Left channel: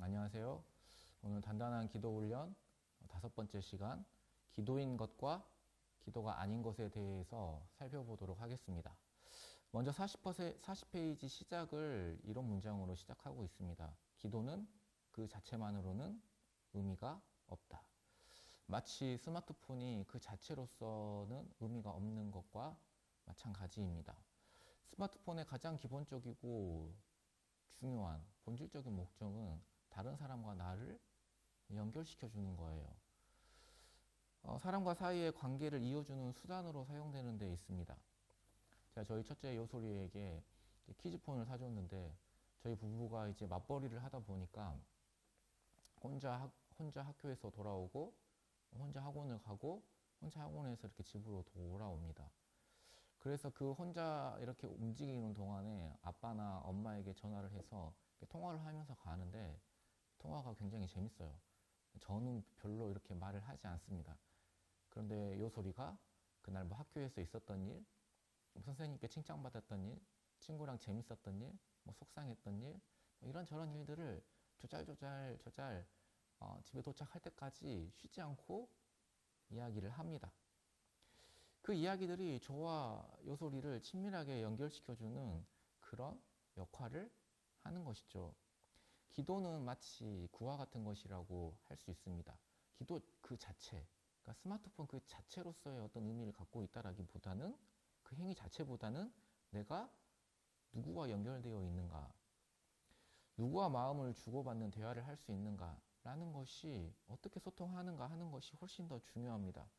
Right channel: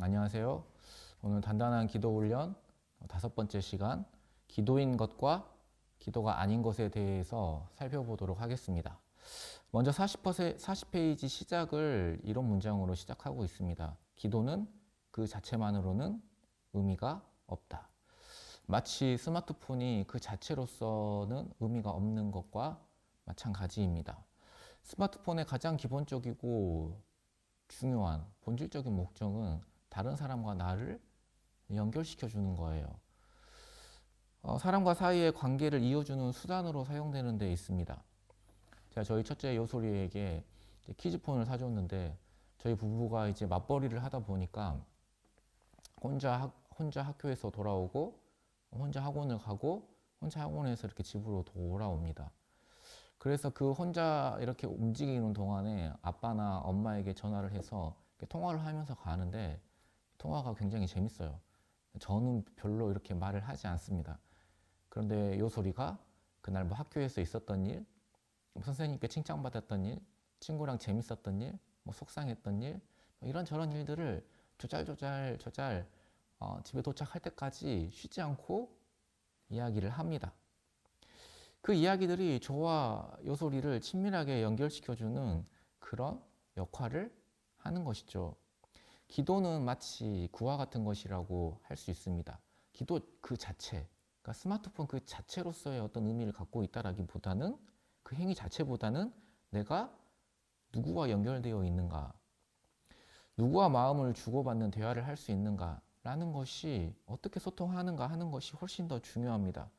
안녕하세요. 오늘 단단한 기도 훈련 5번째 시간, 기도인 것과 기도가 아닌 것에 대해서 살펴보도록 하겠습니다. 먼저 40페이지 시작을 이런 문장으로 시작하고 있습니다. 기도는 그 자체만으로는 의미가 없다. 마치 스마트폰이 그 자체로서는 의미가 없는 것과 마찬가지입니다. 스마트폰의 가장 기본적이고 중요한 본질적인 목적은 다른 사람과 나를 연결시켜 주는 거예요. 사람과 사이의 관계를 이어주는 수단으로 사용되는 데 있습니다. 제가 저희 첫째 요소리에게 키즈폰을 사줬는데 저희 부부가 이제 맞벌이를 하다 보니까 혼자 학교에서 돌아오고 혼자 학원을 가고 혼자 학원에서 이렇게 집으로 돌아옵니다. 그래서 그 혼자 이렇게 움직이는 동안에 아빠나 엄마에게 전화를 해서 통화를 하면서 가는데 통화가 굉장히 재밌어요. 저는 별로 이렇게 말을 하지 않습니다. 그런데 요소리가 그날 뭐 학교에서 있었던 일, 선생님께 칭찬받았던 일, 친구랑 재밌었던 일, 뭐 속상했던 일, 이런저런 일들을 조잘조잘 집에 도착할 때까지 쉬지 않고 이야기를 합니다. 그 이야기들이 저와 요소리를 친밀하게 연결시켜주는 그런 역할을 하는 것이죠. 기도는 마치 구와 같은 것이라고 할 수 있습니다. 기도 그 자체, 그러니까 스마트폰 그 자체로서의 어떤 의미를 갖고 있다라기보다는 그 행위 자체보다는 내가 누구와 연결되어 있는가, 누구와 마음을 주고받는 대화를 할 수 있는가 라는 것이 어떻게 소통하는가 하는 것이 훨씬 더 중요합니다.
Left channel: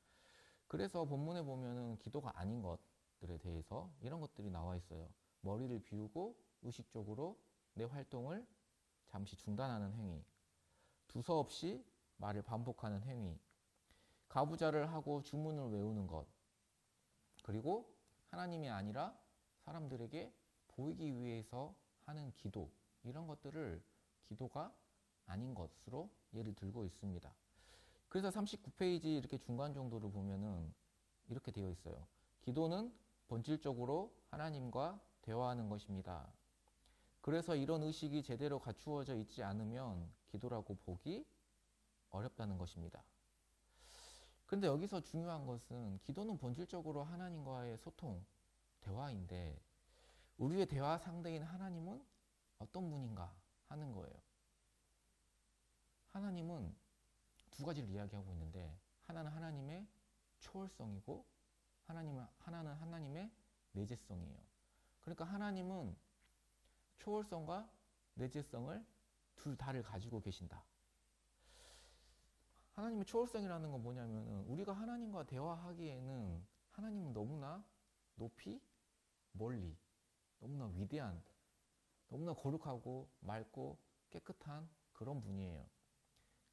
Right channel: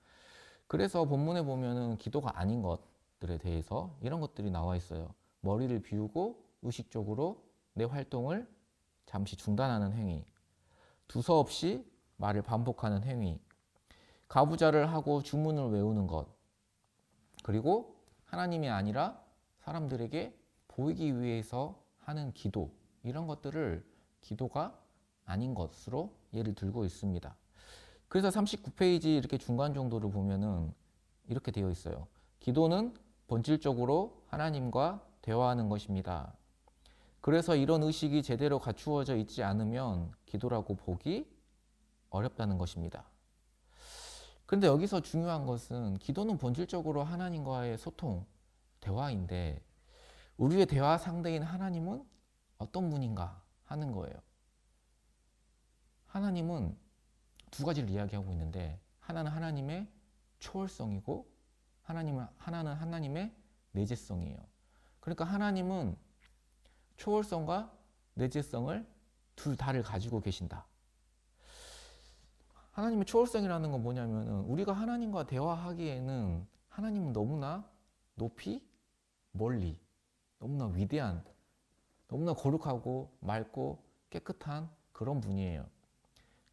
그래서 본문에 보면은 기도가 아닌 것들에 대해서 이런 것들이 나와 있어요. 머리를 비우고 의식적으로 내 활동을 잠시 중단하는 행위, 두서없이 말을 반복하는 행위, 가부좌를 하고 주문을 외우는 것, 그리고 하나님이 아니라 사람들에게 보이기 위해서 하는 기도, 이런 것들을 기도가 아닌 것으로 예를 들고 있습니다. 그래서 39페이지 이렇게 중간 정도를 보면은 이렇게 되어 있어요. 기도는 본질적으로 하나님과 대화하는 것입니다. 그래서 이런 의식이 제대로 갖추어져 있지 않으면 기도라고 보기 어렵다는 것입니다. 그런데 여기서 중요한 것은 기도는 본질적으로 하나님과의 소통, 대화인데 우리의 대화 상대인 하나님은 어떤 분인가 하는 거예요. 하나님은 두 가지를 이야기하고 있는데 하나는 하나님의 초월성이고 하나는 하나님의 내재성이에요. 그러니까 하나님은 초월성과 내재성을 둘 다를 가지고 계신다. 하나님의 초월성이라는 건 뭐냐면 우리가 하나님과 대화하기에는 하나님은 너무나 높이, 멀리, 너무나 위대한, 너무나 거룩하고 맑고 깨끗한 그런 분이에요.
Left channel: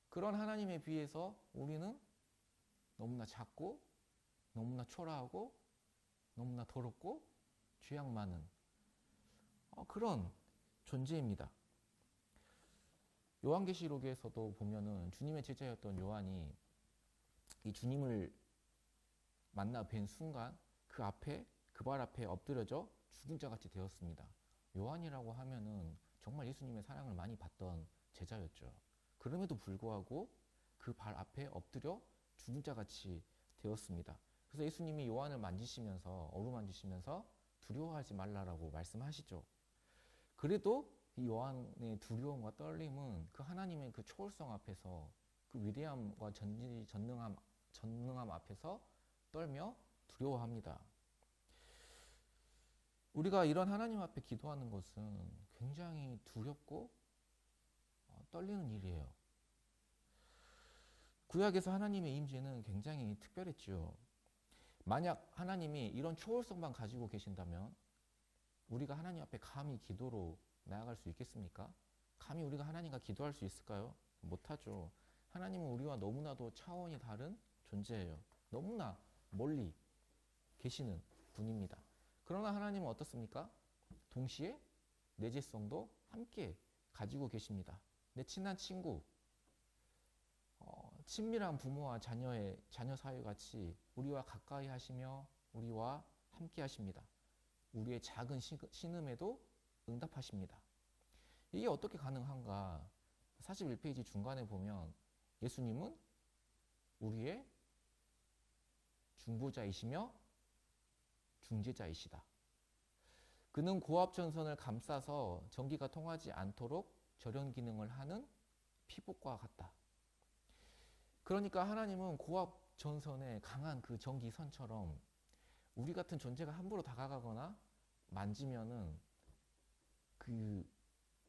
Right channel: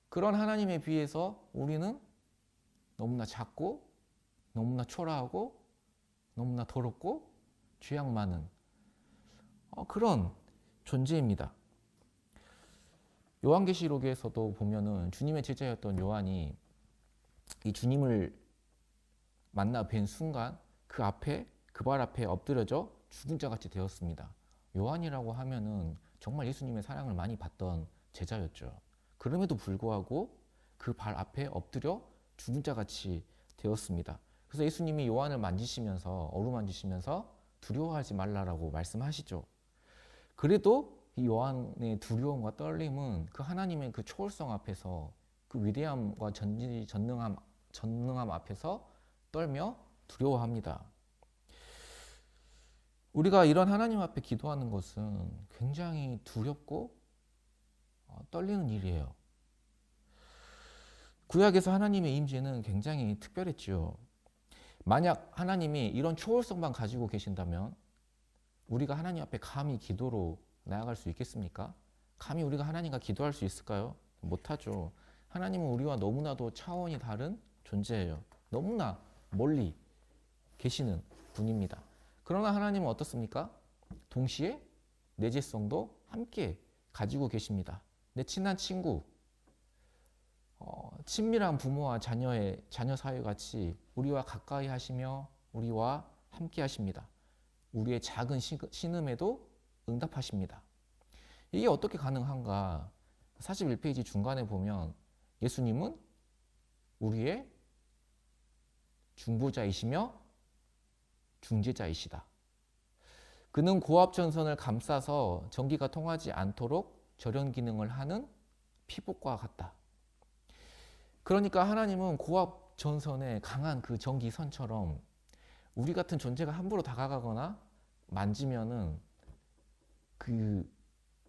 그런 하나님에 비해서 우리는 너무나 작고 너무나 초라하고 너무나 더럽고 죄악 많은 그런 존재입니다. 요한계시록에서도 보면은 주님의 제자였던 요한이 이 주님을 만나 뵌 순간 그 발 앞에 엎드려져 죽은 자 같이 되었습니다. 요한이라고 하면은 정말 예수님의 사랑을 많이 받던 제자였죠. 그럼에도 불구하고 그 발 앞에 엎드려 죽은 자 같이 되었습니다. 그래서 예수님이 요한을 만지시면서 어루만지시면서 두려워하지 말라라고 말씀하시죠. 그래도 이 요한의 두려움과 떨림은 그 하나님의 그 초월성 앞에서 그 위대함과 전능함 앞에서 떨며 두려워합니다. 우리가 이런 하나님 앞에 기도하는 것은 굉장히 두렵고 떨리는 일이에요. 구약에서 하나님의 임재는 굉장히 특별했죠. 만약 하나님이 이런 초월성만 가지고 계신다면 우리가 하나님 앞에 감히 기도로 나아갈 수 있겠습니까? 감히 우리가 하나님과 기도할 수 있을까요? 못하죠. 하나님은 우리와 너무나도 차원이 다른 존재예요. 너무나 멀리 계시는 분입니다. 그러나 하나님은 어떻습니까? 동시에 내재성도 함께 가지고 계십니다. 내 친한 친구, 친밀한 부모와 자녀 사이같이 우리와 가까이 하시며 우리와 함께 하십니다. 우리의 작은 신음에도 응답하십니다. 이게 어떻게 가능한가? 41페이지 중간에 보면 예수님은 우리의 중보자이시며 중재자이시다. 그는 고압전선을 감싸서 전기가 통하지 않도록 절연 기능을 하는 피복과 같다. 그러니까 하나님은 고압전선의 강한 그 전기선처럼 우리 같은 존재가 함부로 다가가거나 만지면은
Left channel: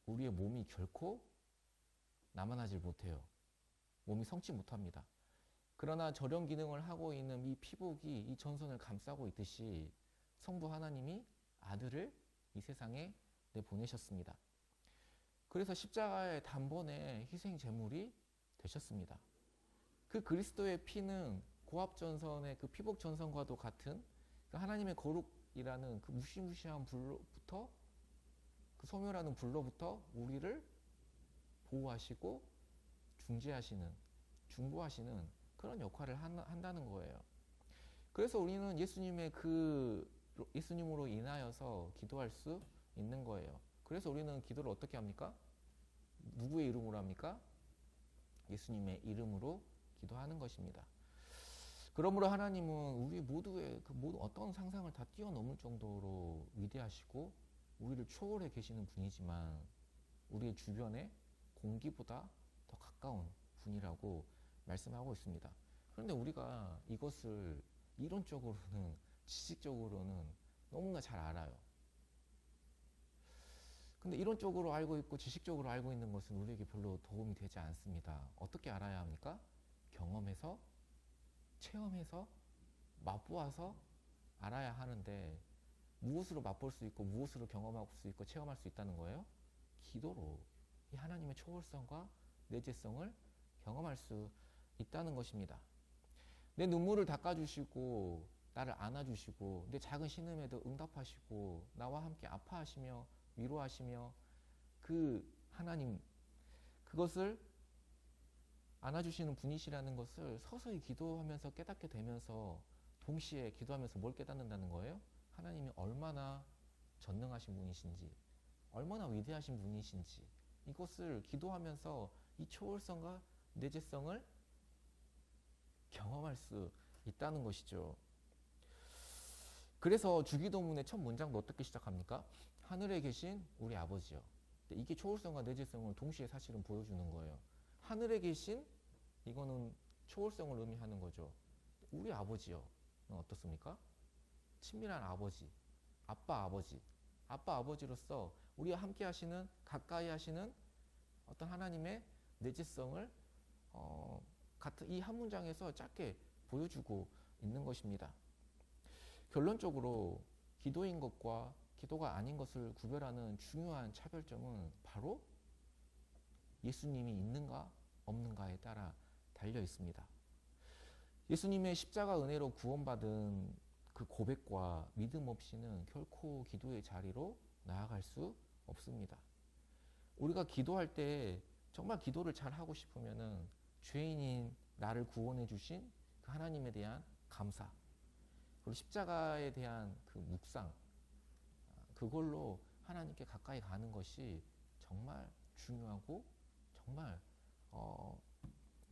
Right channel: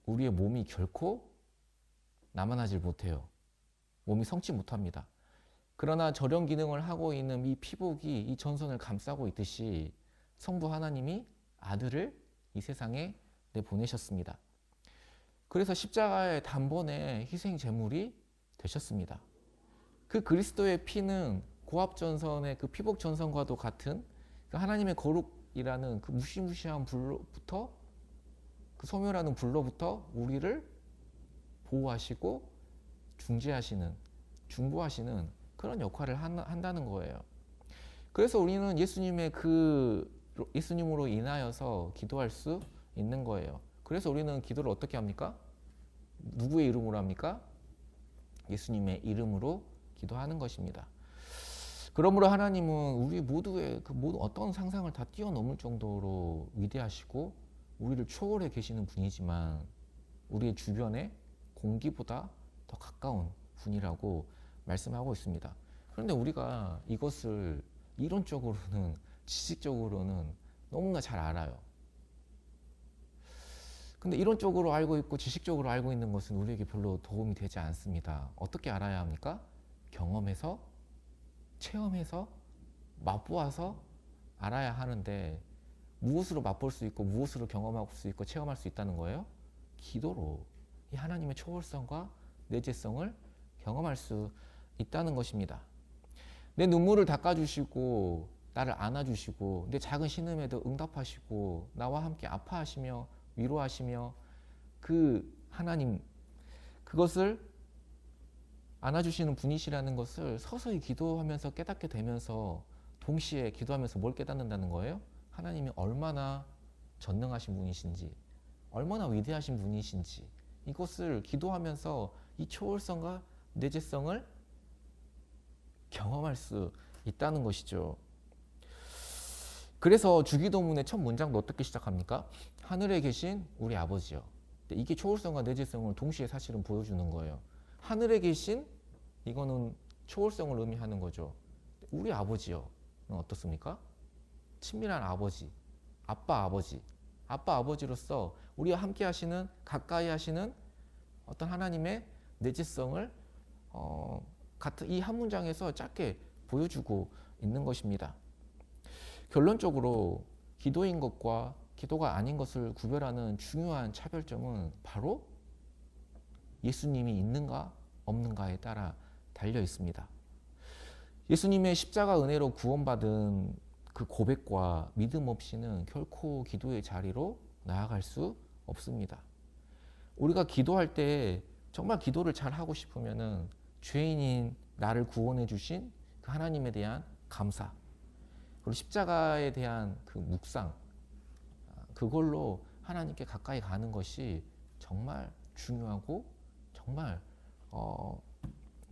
우리의 몸이 결코 남아나질 못해요. 몸이 성치 못합니다. 그러나 절연 기능을 하고 있는 이 피복이 이 전선을 감싸고 있듯이 성부 하나님이 아들을 이 세상에 내보내셨습니다. 그래서 십자가의 단번에 희생 제물이 되셨습니다. 그 그리스도의 피는 고압전선의 그 피복전선과도 같은 그 하나님의 거룩이라는 그 무시무시한 불로부터 그 소멸하는 불로부터 우리를 보호하시고 중보하시는 그런 역할을 한다는 거예요. 그래서 우리는 예수님으로 인하여서 기도할 수 있는 거예요. 그래서 우리는 기도를 어떻게 합니까? 누구의 이름으로 합니까? 예수님의 이름으로 기도하는 것입니다. 그러므로 하나님은 우리 모두의 그 모든 어떤 상상을 다 뛰어넘을 정도로 위대하시고 우리를 초월해 계시는 분이지만 우리의 주변에 공기보다 더 가까운 분이라고 말씀하고 있습니다. 그런데 우리가 이것을 이론적으로는 지식적으로는 너무나 잘 알아요. 근데 이론적으로 알고 있고 지식적으로 알고 있는 것은 우리에게 별로 도움이 되지 않습니다. 어떻게 알아야 합니까? 경험해서, 체험해서, 맛보아서 알아야 하는데 무엇으로 맛볼 수 있고 무엇으로 경험할 수 있고 체험할 수 있다는 거예요? 기도로 이 하나님의 초월성과 내재성을 경험할 수 있다는 것입니다. 내 눈물을 닦아주시고 나를 안아주시고 내 작은 신음에도 응답하시고 나와 함께 아파하시며 위로하시며 그 하나님 그것을 안아주시는 분이시라는 것을 서서히 기도하면서 깨닫게 되면서 동시에 기도하면서 뭘 깨닫는다는 거예요? 하나님이 얼마나 전능하신 분이신지 얼마나 위대하신 분이신지 이것을 기도하면서 이 초월성과 내재성을 경험할 수 있다는 것이죠. 그래서 주기도문의 첫 문장도 어떻게 시작합니까? 하늘에 계신 우리 아버지요. 이게 초월성과 내재성을 동시에 사실은 보여주는 거예요. 하늘에 계신 이거는 초월성을 의미하는 거죠. 우리 아버지요. 어떻습니까? 친밀한 아버지, 아빠 아버지로서 우리와 함께 하시는 가까이 하시는 어떤 하나님의 내재성을 같은 이 한 문장에서 짧게 보여주고 있는 것입니다. 결론적으로 기도인 것과 기도가 아닌 것을 구별하는 중요한 차별점은 바로 예수님이 있는가 없는가에 따라 달려 있습니다. 예수님의 십자가 은혜로 구원받은 그 고백과 믿음 없이는 결코 기도의 자리로 나아갈 수 없습니다. 우리가 기도할 때 정말 기도를 잘 하고 싶으면은 죄인인 나를 구원해 주신 그 하나님에 대한 감사 그리고 십자가에 대한 그 묵상 그걸로 하나님께 가까이 가는 것이 정말 중요하고 정말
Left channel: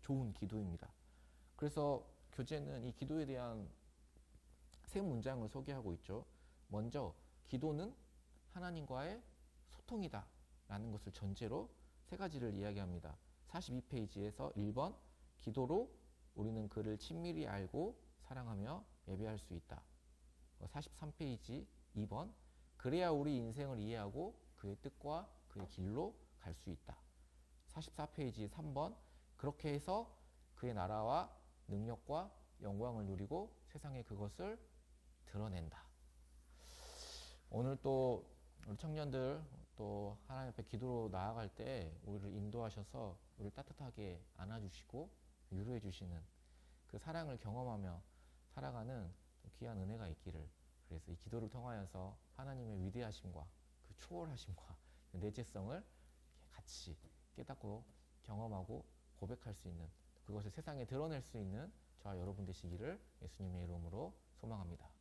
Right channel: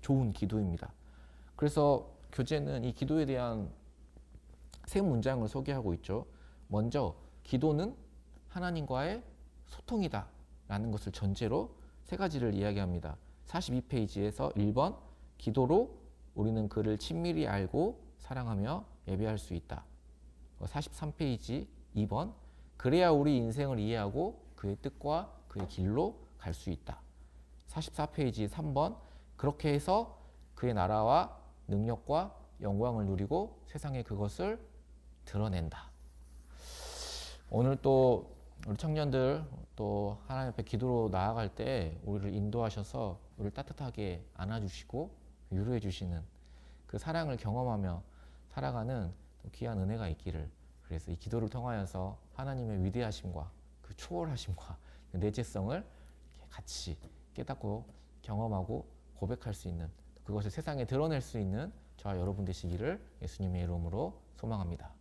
좋은 기도입니다. 그래서 교재는 이 기도에 대한 세 문장을 소개하고 있죠. 먼저 기도는 하나님과의 소통이다 라는 것을 전제로 세 가지를 이야기합니다. 42페이지에서 1번 기도로 우리는 그를 친밀히 알고 사랑하며 예배할 수 있다. 43페이지 2번 그래야 우리 인생을 이해하고 그의 뜻과 그의 길로 갈 수 있다. 44페이지 3번 그렇게 해서 그의 나라와 능력과 영광을 누리고 세상에 그것을 드러낸다. 오늘 또 우리 청년들 또 하나님 앞에 기도로 나아갈 때 우리를 인도하셔서 우리를 따뜻하게 안아주시고 위로해 주시는 그 사랑을 경험하며 살아가는 귀한 은혜가 있기를 그래서 이 기도를 통하여서 하나님의 위대하심과 그 초월하심과 내재성을 이렇게 같이 깨닫고 경험하고 고백할 수 있는, 그것을 세상에 드러낼 수 있는 저와 여러분 되시기를 예수님의 이름으로 소망합니다.